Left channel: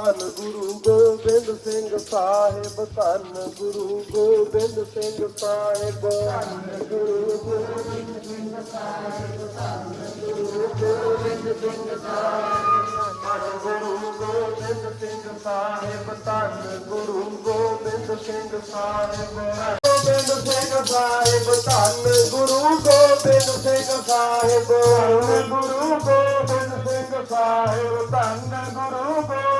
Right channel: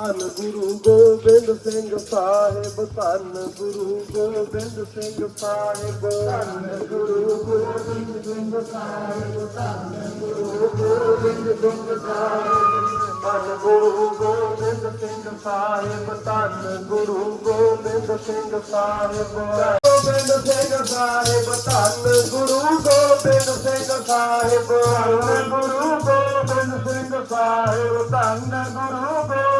ਧੰਨ ਗੁਰੂ ਗੋਬਿੰਦ ਸਿੰਘ ਸਾਹਿਬ, ਧੰਨ ਗੁਰੂ ਗੋਬਿੰਦ ਸਿੰਘ ਸਾਹਿਬ। ਧੰਨ ਗੁਰੂ ਗੋਬਿੰਦ ਸਿੰਘ ਸਾਹਿਬ, ਧੰਨ ਗੁਰੂ ਗੋਬਿੰਦ ਸਿੰਘ ਸਾਹਿਬ। ਧੰਨ ਗੁਰੂ ਗੋਬਿੰਦ ਸਿੰਘ ਸਾਹਿਬ, ਧੰਨ ਗੁਰੂ ਗੋਬਿੰਦ ਸਿੰਘ ਸਾਹਿਬ। ਗੋਬਿੰਦ ਸਿੰਘ ਸਾਹਿਬ, ਧੰਨ ਗੁਰੂ ਗੋਬਿੰਦ ਸਿੰਘ ਸਾਹਿਬ। ਧੰਨ ਗੁਰੂ ਗੋਬਿੰਦ ਸਿੰਘ ਸਾਹਿਬ, ਧੰਨ ਗੁਰੂ ਗੋਬਿੰਦ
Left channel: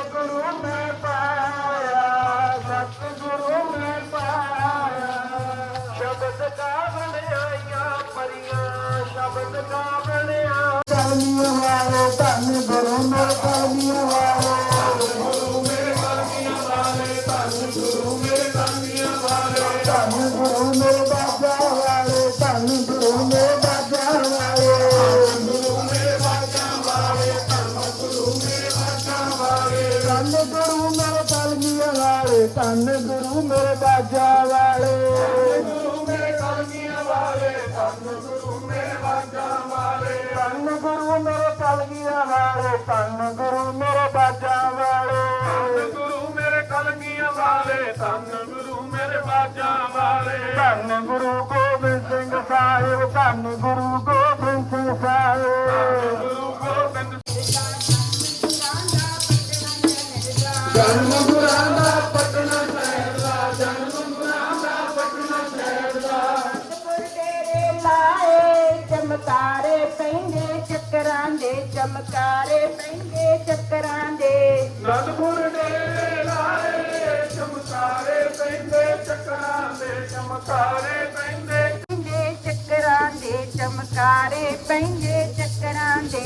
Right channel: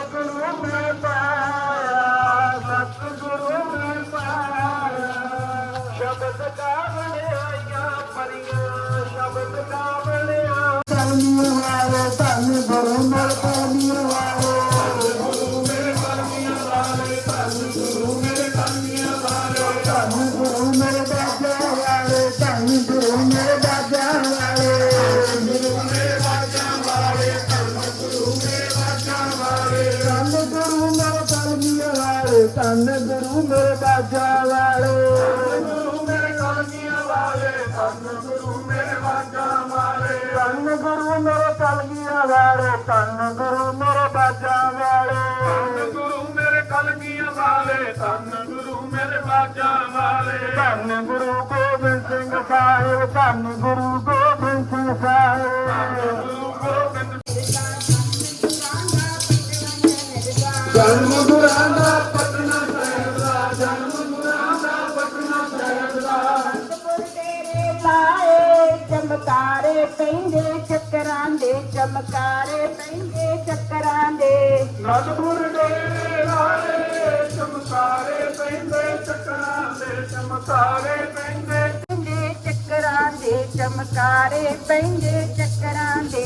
ਸਤਿਗੁਰੂ ਮੈਂ ਪਾਇਆ ਸਤਿਗੁਰੂ ਮੈਂ ਪਾਇਆ ਸ਼ਬਦ ਕਾ ਬਣਾਇਆ ਪਰਿਆ ਸ਼ਬਦ ਕਾ ਬਣਾਇਆ ਤਾਨੀ ਵਾਲਾ ਧੰਨ ਗੁਰੂ ਮੈਂ ਤਾਨੀ ਵਾਲਾ ਗੁਰੂ ਮੈਂ ਤਾਨੀ ਵਾਲਾ ਧੰਨ ਗੁਰੂ ਵਾਲੇ ਧੰਨ ਗੁਰੂ ਮੇਰੇ ਬਾਜਾ ਵਾਲੇ। ਗੁਰੂ ਮੇਰੇ ਕਾਲੀਆਂ ਵਾਲੇ ਧੰਨ ਗੁਰੂ ਮੇਰੇ ਬਾਜਾ ਵਾਲੇ ਧੰਨ ਗੁਰੂ ਮੇਰੇ ਕਲਗੀਆਂ ਵਾਲੇ ਧੰਨ ਗੁਰੂ ਮੇਰੇ ਬਾਜਾ ਵਾਲੇ। ਧੰਨ ਗੁਰੂ ਮੇਰੇ ਕਲਗੀਆਂ ਵਾਲੇ ਧੰਨ ਗੁਰੂ ਮੇਰੇ ਬਾਜਾ ਵਾਲੇ ਧੰਨ ਗੁਰੂ ਗੋਬਿੰਦ ਸਿੰਘ ਸਾਹਿਬ। ਧੰਨ ਗੁਰੂ ਗੋਬਿੰਦ ਸਿੰਘ ਸਾਹਿਬ। ਧੰਨ ਗੁਰੂ ਗੋਬਿੰਦ ਪੈਂਦੇ ਚੱਕਰਾਂ ਦੇ ਚਮਕਾਰੇ ਪੈਂਦੇ ਚੱਕਰਾਂ ਦੇ। ਨਦਪੁਰ ਡੇਰੇ ਲਾਏ ਚਮਕਾਰੇ ਪੈਂਦੇ ਚੱਕਰਾਂ ਦੇ ਚਮਕਾਰੇ ਪੈਂਦੇ ਪੈਂਦੇ ਚੱਕਰਾਂ ਦੇ ਚਮਕਾਰੇ ਪੈਂਦੇ ਚੱਕਰਾਂ ਦੇ।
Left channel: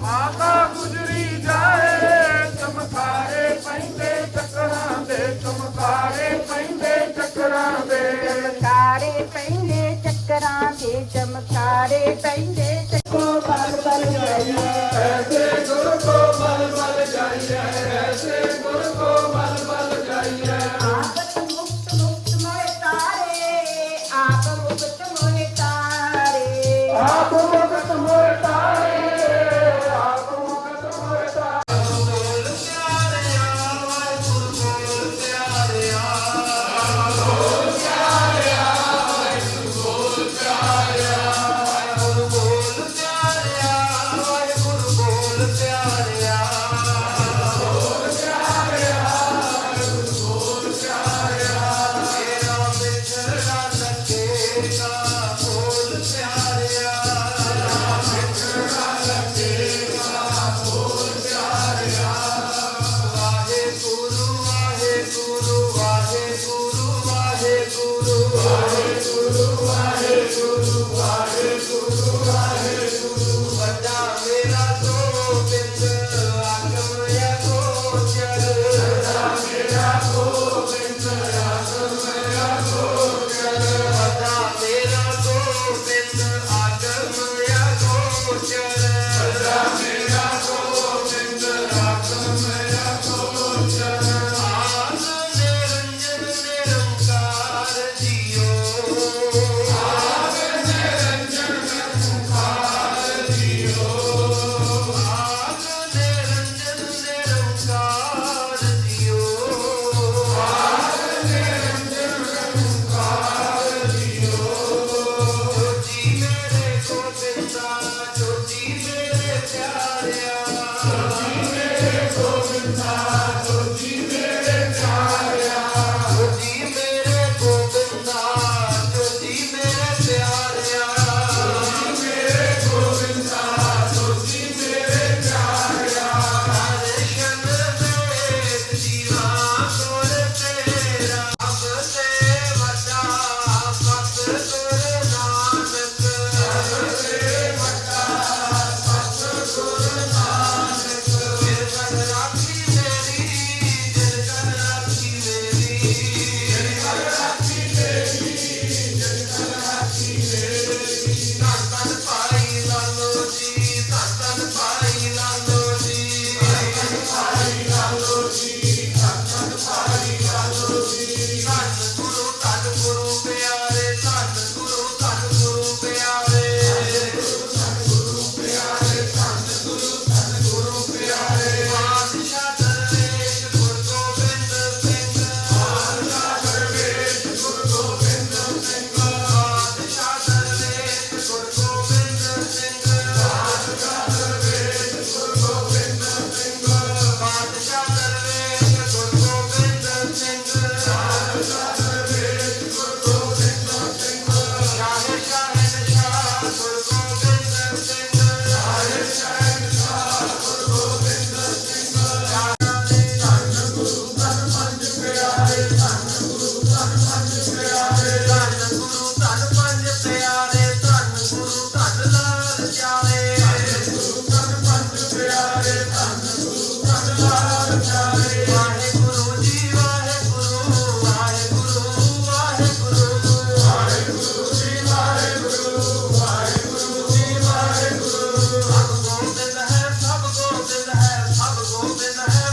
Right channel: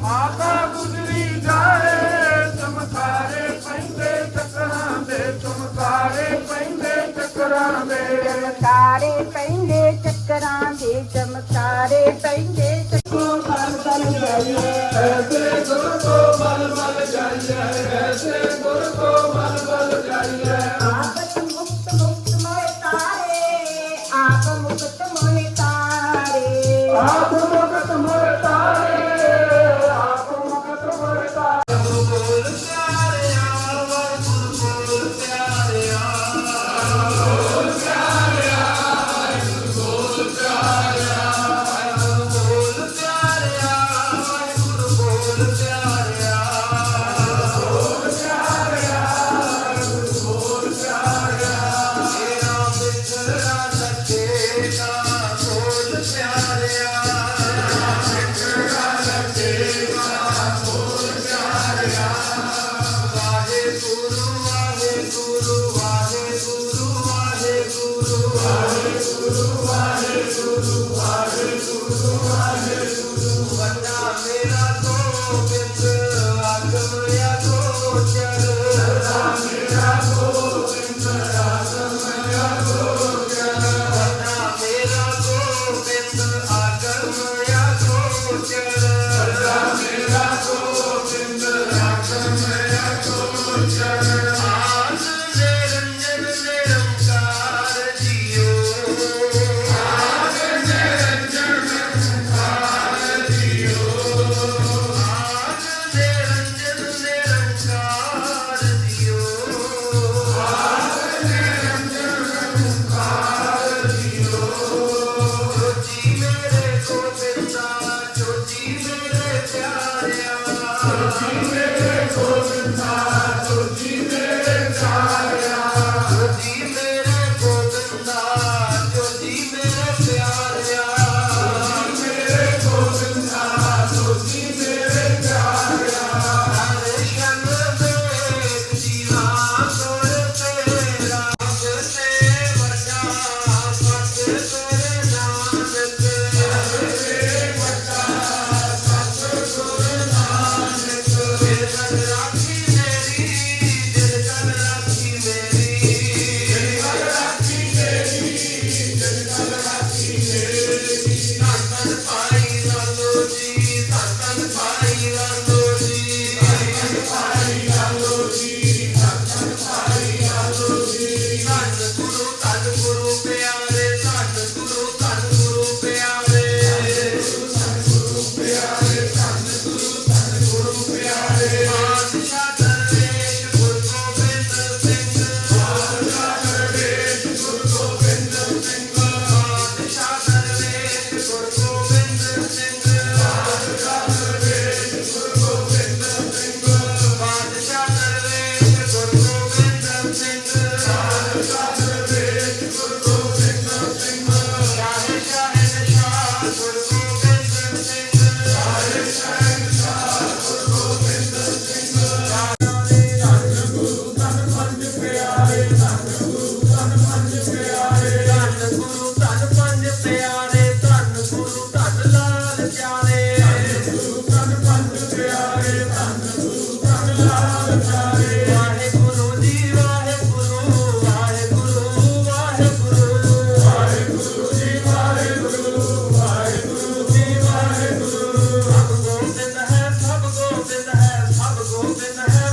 ਮਾਤਾ ਗੁਜਰੀ ਜਾਏ ਚਮਕਾਰੇ ਪੈਂਦੇ ਚੱਕਰਾਂ ਦੇ ਚਮਕਾਰੇ ਪੈਂਦੇ ਚੱਕਰਾਂ ਦੇ। ਚਮਕਾਰੇ ਪੈਂਦੇ ਚੱਕਰਾਂ ਦੇ ਚਮਕਾਰੇ ਪੈਂਦੇ ਚੱਕੋ ਬਲ ਬਲ ਜਾਈਏ ਐਸੇ ਗੁਰ ਕੋ ਮਲ ਮਲ ਜਾਈਏ ਐਸੇ ਗੁਰ ਕੋ ਮਲ ਮਲ ਜਾਈਏ प्यार ਬਿਤ ਆਗਮ in the house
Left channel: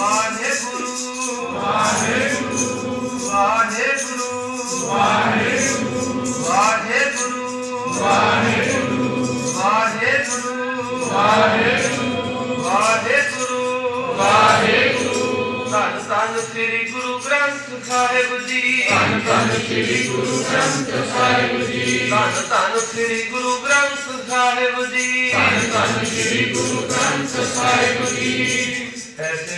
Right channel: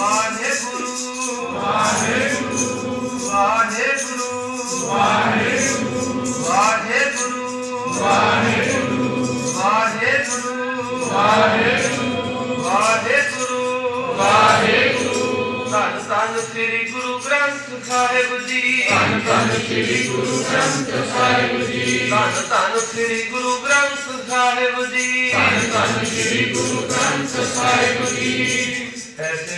Waheguru Waheguru Waheguru Waheguru Waheguru Waheguru Waheguru Waheguru Waheguru Waheguru ਧੰਨ ਧੰਨ ਸ੍ਰੀ ਗੁਰੂ ਗ੍ਰੰਥ ਸਾਹਿਬ ਜੀ ਧੰਨ ਧੰਨ ਸ੍ਰੀ ਗੁਰੂ ਗ੍ਰੰਥ ਸਾਹਿਬ ਜੀ ਧੰਨ ਧੰਨ ਸ੍ਰੀ ਗੁਰੂ ਗ੍ਰੰਥ ਸਾਹਿਬ ਜੀ। ਧੰਨ ਧੰਨ ਸ੍ਰੀ ਗੁਰੂ ਗ੍ਰੰਥ ਸਾਹਿਬ ਜੀ। ਐਸੇ